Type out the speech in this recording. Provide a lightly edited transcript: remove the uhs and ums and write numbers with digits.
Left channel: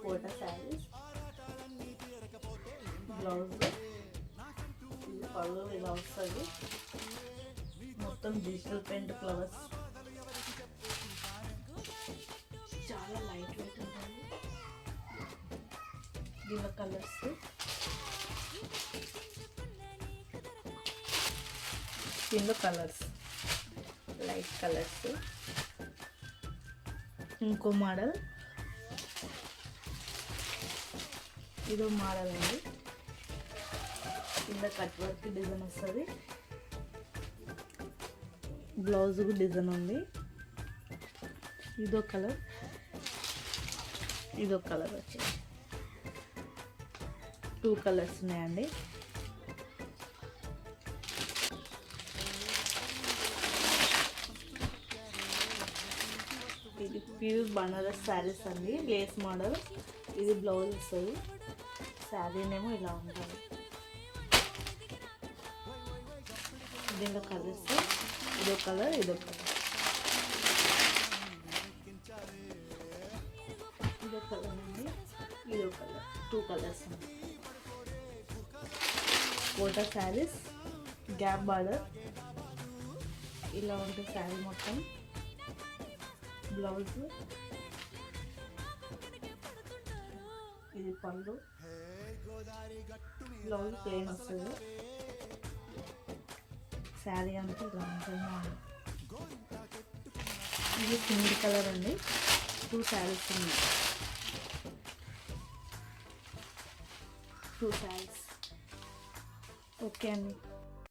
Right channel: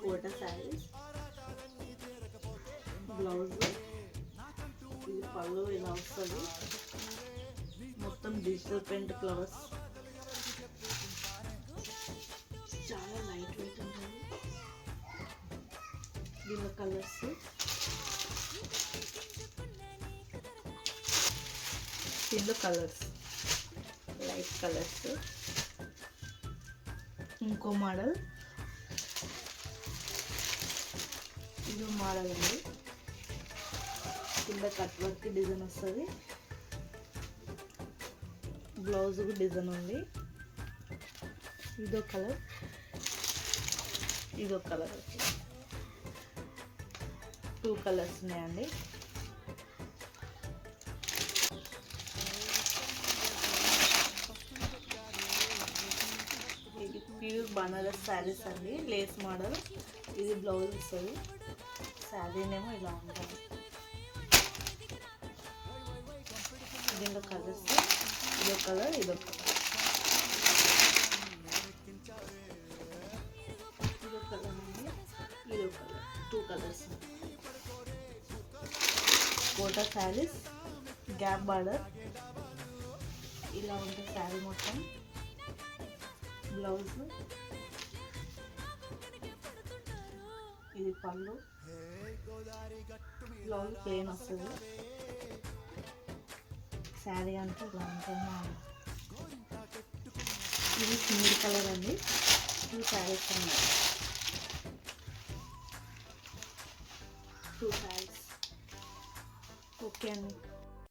Quota saris. Blouse ఇది పళ్ళు ఇలా వస్తుంది. మొత్తం డిజిటల్ ప్రింట్ ఫ్లవర్స్, చాలా లైట్ వెయిట్ ఉంటుంది. దీనిలో కలర్స్ లైట్ కలర్స్. ఇంకో మోడల్, ఇదో మోడల్ అండి. కింద కట్ వర్క్ డిజైన్ వస్తుంది. బ్లౌజ్కి డిజైన్ ఉంది. ఇదో కలర్ వచ్చి 2 కలర్స్ ఉన్నాయండి. ఇది ప్యూర్ బనారస్ శారీస్ అండి, లేస్ మోడల్. ఇది బ్లౌజ్ వస్తుంది. శారీనేమో ఇలా ఉంటుంది. దీనిలో కలర్స్ ఇదో కలర్ అండి. 2 colours. Kota saris, gap border ఇలా ఉంటుంది శారీ మొత్తం. బ్లౌజ్ ఇది పళ్ళు, బ్లౌజ్ ప్లెయిన్ వస్తుంది. శారీ అంతా ఇలా ఉంటుంది. ఇది సింగిల్ కలర్ అండి. 2 శారీస్ ఉన్నాయి. 2 శారీస్. ఓకే అండి.